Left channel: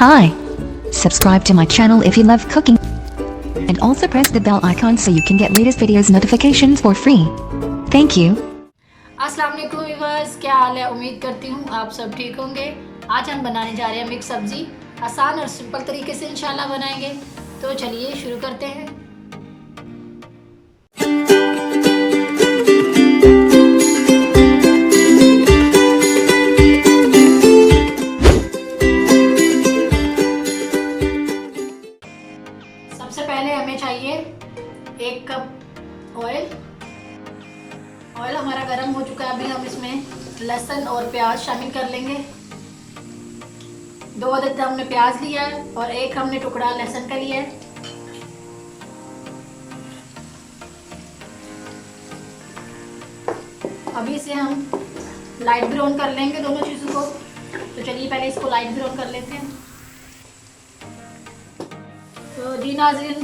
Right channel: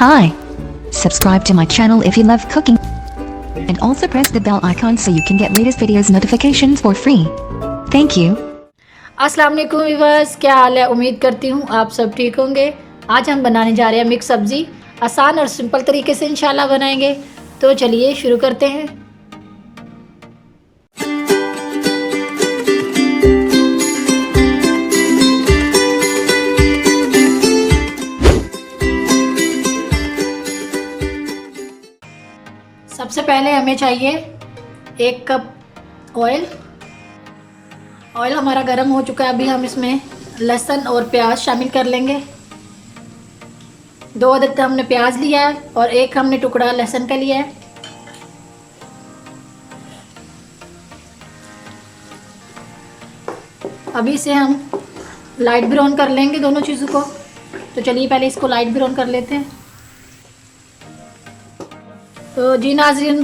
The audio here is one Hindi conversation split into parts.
Hi. Subscribe to my channel if you love cooking. And also press the bell icon so you can get latest videos notifications for free. Thank you. अस्सलाम वालेकुम व्यूअर्स, क्या हाल है। उम्मीद करती हूँ आप सब ठीक होंगे। आज हम बनाने जा रहे हैं मिक्स सब्ज़ी। आसान और सिंपल तरीके से इंशाल्लाह बनाएंगे। तो चलिए शुरू करते हैं। सबसे पहले हमें चाहिए 1 कप ऑयल। ऑयल हमारा गर्म हो चुका है। अभी हम इसमें लहसुन और प्याज शामिल कर लेंगे। 2 अदद हमने प्याज लिया है और 1 हमने टुकड़ा लहसुन का लिया है। अभी इसे हम लाइट ब्राउन कर लेंगे दोनों चीज़ों को। तो चलिए पहले इसको लाइट ब्राउन कर लेते हैं। तो जी नाज़रीन,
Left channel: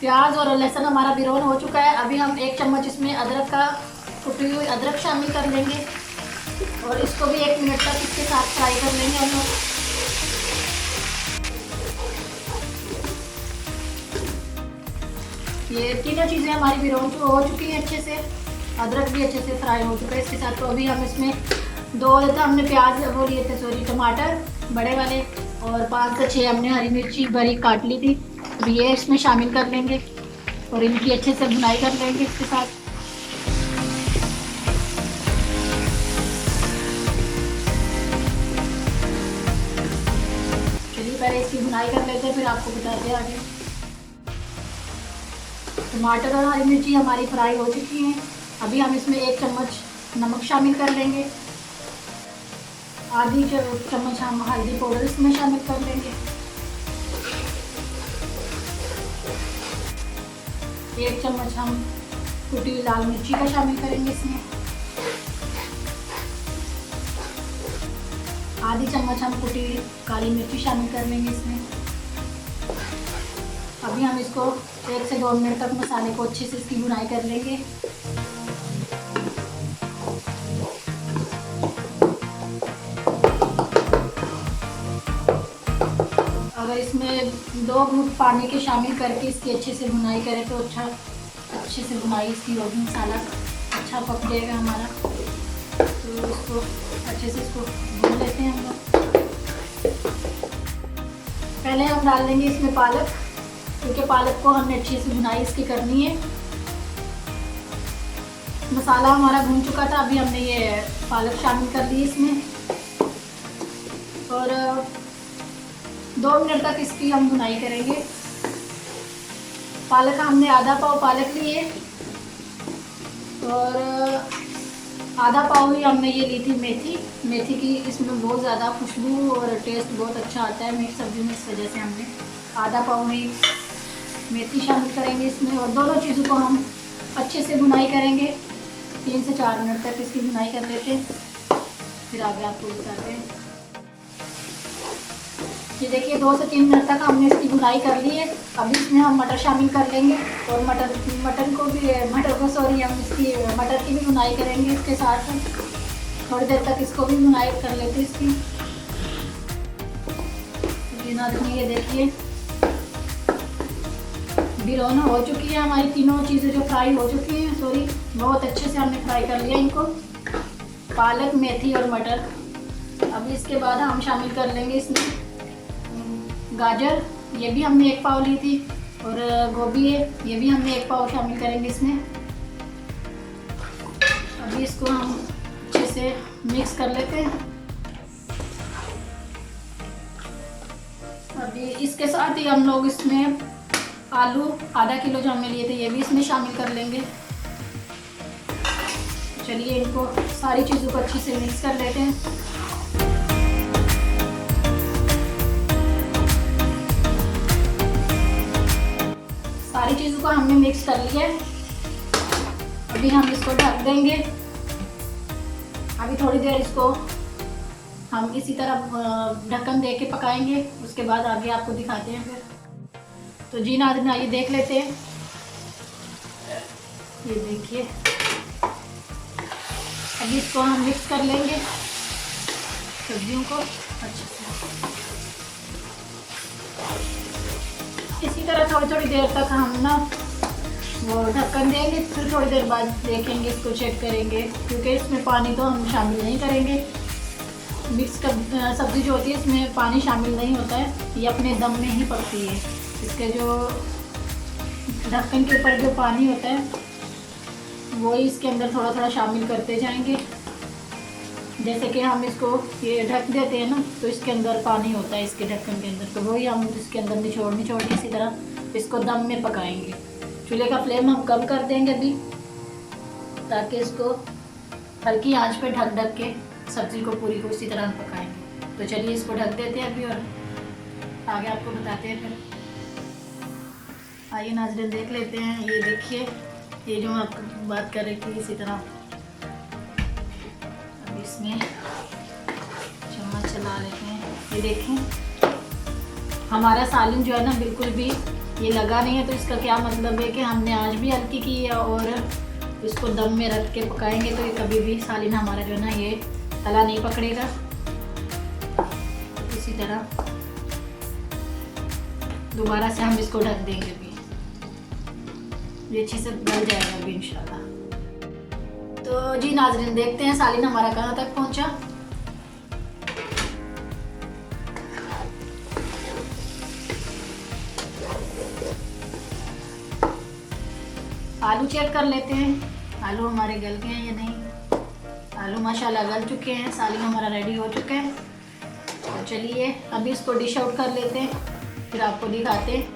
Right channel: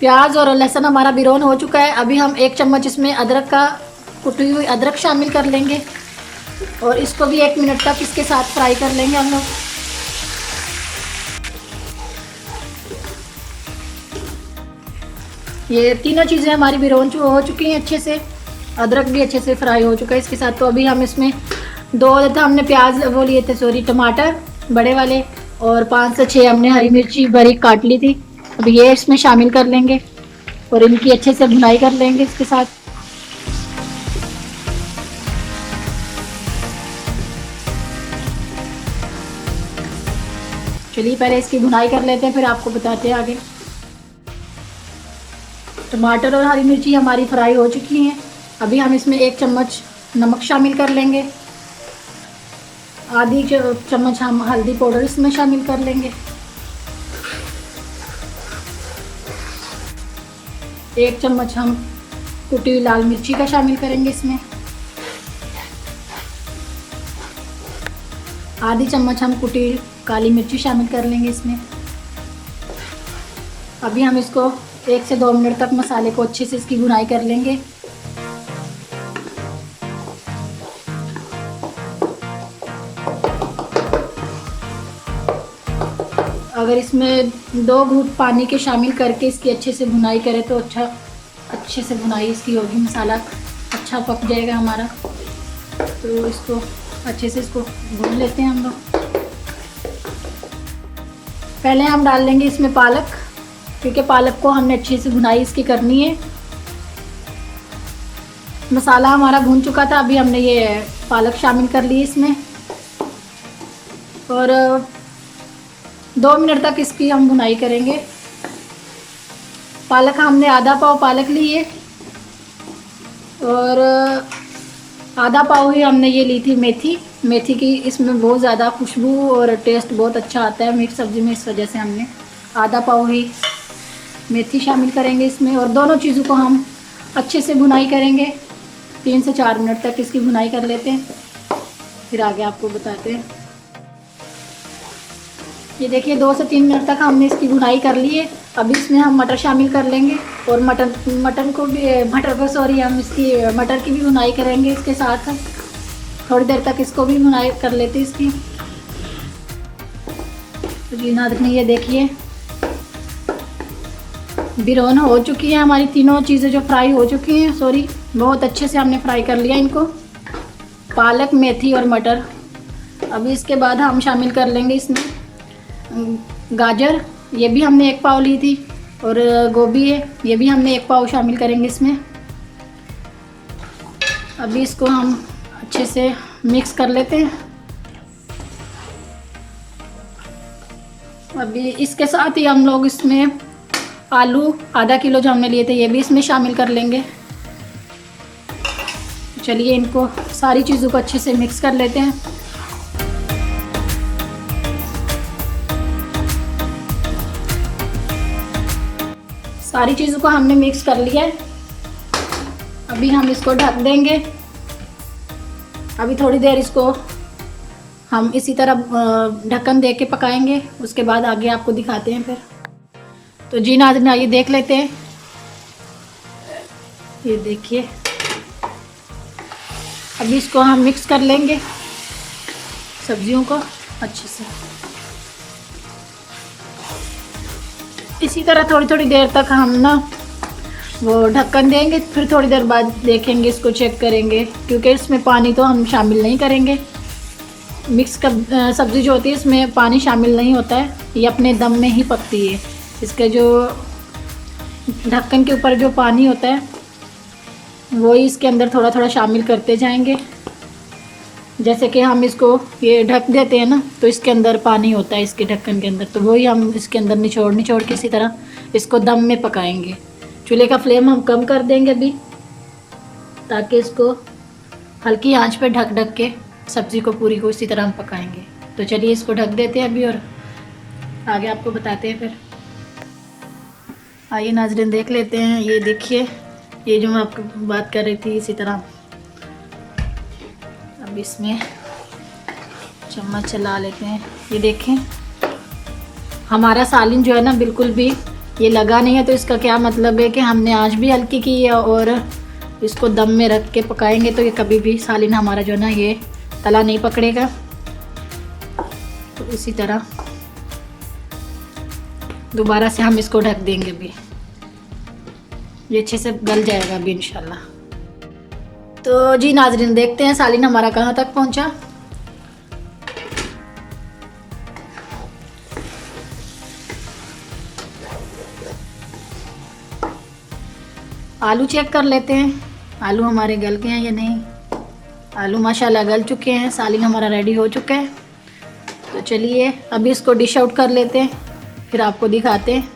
प्याज और लहसुन हमारा ब्राउन हो चुका है। अभी हम 1 चम्मच इसमें अदरक का कुटी हुई अदरक शामिल कर लेंगे और इसको भी 1 मिनट तक इसके साथ फ्राई कर लेंगे हम लोग। ये तीनों चीज़ें हमारी ब्राउन हो चुकी हैं अच्छे से। अदरक भी अच्छे से फ्राई हो चुका है इसके साथ। तो अभी हम इसमें 2 हमने प्याज वो लिए थे टमाटर बड़े वाले और 5 से 6 हमने हरी मिर्ची बारीक काट ली थी। अभी ये इसमें शामिल कर लेंगे और इनकी अच्छे से भुनाई कर लेंगे इसके साथ। चलिए पहले इसकी भुनाई कर लेते हैं, फिर आपको बताते हैं आगे। टमाटर और हरी मिर्ची हमारी फ्राई हो चुकी हैं। अभी हम इसमें 1 चम्मच नमक शामिल कर लेंगे। आधी चम्मच हम हल्दी पाउडर इसमें शामिल कर लेंगे। 1 चम्मच हम कुटी हुई लाल मिर्ची का शामिल करेंगे इसमें। आधी चम्मच हम कुटी हुई काली मिर्ची शामिल कर लेंगे इसमें। अभी हम इसको 1 से 2 मिनट तक मसाले को अच्छे से इसकी भुनाई कर लेंगे। अगर इसमें 2 घूंट पानी के शामिल करके इसकी अच्छे से भुनाई करें तो अच्छे से भुनाई इसकी होगी। मसाला अच्छा पक जाएगा हमारा। तो इसको अच्छे से इसको भून लेते हैं हम लोग। पहले हम डाल लेंगे इसमें पालक, क्योंकि पालक को हमने अच्छे से भुनाई इसकी करनी है। मसाला हमारा भून चुका था। अभी हमने ये पालक शामिल कर ली इसमें और 2 मिनट तक इसकी हम भुनाई करेंगे। पालक हमने आधा पाव पालक ली है और आधा पाव ही हमने ये ली थी मेथी की। इसमें बहुत ज़्यादा खुशबू और टेस्ट बहुत अच्छा आता है मिक्स सब्ज़ी में, इस वजह से हमने आधा पाव ही मेथी शामिल करेंगे इसमें। और दोनों चीज़ों को हम अच्छे से भुनाई करेंगे। 3 से 4 मिनट तक इसकी भुनाई कर लेते हैं, फिर आगे आपको बताते हैं। ये देखिए 2 से 3 मिनट तक हमने इसकी भुनाई कर ली है। अभी इसमें हम मटर शामिल कर लेंगे और मटर की भी भुनाई करेंगे इसके साथ। थोड़ी देर तक इसको भी भुनाई कर लेते हैं इसकी। तो नाज़रीन ये देखिए ब्राउन हो चुकी है हमारी तीनों चीज़ें जो फ्राई हो चुकी हैं। बहुत अच्छे से हमने फ्राई कर लिया इनको, पालक, मेथी और मटर। अभी इसके बाद हम शामिल कर लेंगे इसमें गाजर, ये भी हमने 1 पाव ली थी। और गोभी है, ये भी हमने 1 पाव शामिल करेंगे इसमें। अभी इसको हम अच्छे से मिक्स कर लेते हैं। अभी इसके साथ ही हम लोग इसमें आलू आधा किलो जो हमने लिए थे ये भी इसमें शामिल कर लेंगे। चलिए इनको सारी चीज़ों को अच्छे से मिक्स कर लेते हैं। सारी चीज़ों को हमने मिक्स कर लिया है। अभी हम इसको ढक देंगे। अभी थोड़ी देर इसको हम इसी तरह ढक्कन दे के पकाएंगे। उसके बाद आगे आपको दिखाते हैं फिर। तो जी नाज़रीन आइए देख लेते हैं। ये देखिए अभी इसको हम मिक्स कर लेंगे सब्जियों को अच्छे से। इसी तरह थोड़ी थोड़ी देर तक हम ना वो ढक्कन देंगे, फिर थोड़ी देर बाद देखेंगे, इसको चेक करेंगे, क्योंकि इसमें पानी तो हम शामिल नहीं करेंगे। मिक्स सब्ज़ी जो होती है इसमें पानी शामिल नहीं होता है, ये अपने दम में ही पकती है। इसके जो ढक्कन के ऊपर जो पानी होता है वो ही इसके अंदर थोड़ा थोड़ा शामिल करते जाएंगे। जैसे कि हम इसको ये ढक देते हैं ना, तो इसके अंदर पानी होता है इसके ढक्कन के अंदर, तो वही हम इसके अंदर निचोड़ के इसी तरह इसको दम में पकाएंगे। चूल्हे का फ्लेम हम कम कर देंगे अभी, ताकि इसको हल्की आंच पे ढक के सब्ज़ी को पूरी को इसी तरह हम पकाएंगे। तो चलिए इसको ढक देते हैं अभी और आगे आपको बताते हैं फिर। आइए नाज़रीन देख लेते हैं। ये देखिए, ये जो मैं आपको बात कर रही थी, इसी तरह अब इसमें चम्मच चला लेते हैं। ये देखें, हमारा सालिन जो है ना बिल्कुल भी ये लगा नहीं है, तो इसका क्या मतलब है कि हमने आंच भी हल्की की है और इसको दम में रख के पकाएंगे, तो ये कभी भी सालिन हमारा जो है ना ये तला नहीं पकड़ेगा। तो इसी तरह दोबारा से हम इसको ढक देंगे अभी, ये अच्छे से गल जाएगा अभी इंशाल्लाह। तो जी नाज़रीन देखते हैं सालिन हमारा कहाँ तक पहुँचा। आलू चेक कर लेते हैं, आलू हमारे गल गए हैं या नहीं। आलू माशाल्लाह गल चुके हैं, सालिन हमारा रेडी हो चुका है। तो चलिए अभी इसको डिश आउट कर लेते हैं, फिर आपको दिखाते हैं।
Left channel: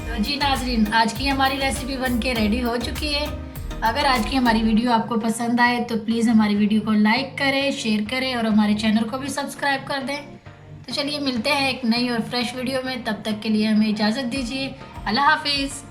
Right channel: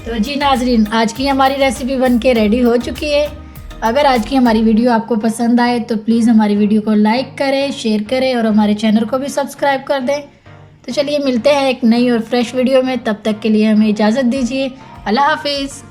तो जी नाज़रीन आज की हमारी रेसिपी बनके रेडी हो चुकी है। अगर आज की हमारी वीडियो आपको पसंद आए तो प्लीज़ हमारी वीडियो को लाइक करें, शेयर करें और हमारे चैनल को भी सब्सक्राइब कर दें। तो चलिए मिलते हैं एक नई और फ्रेश वीडियो में, तब तक के लिए हमें इजाज़त दीजिए। अल्लाह हाफिज़।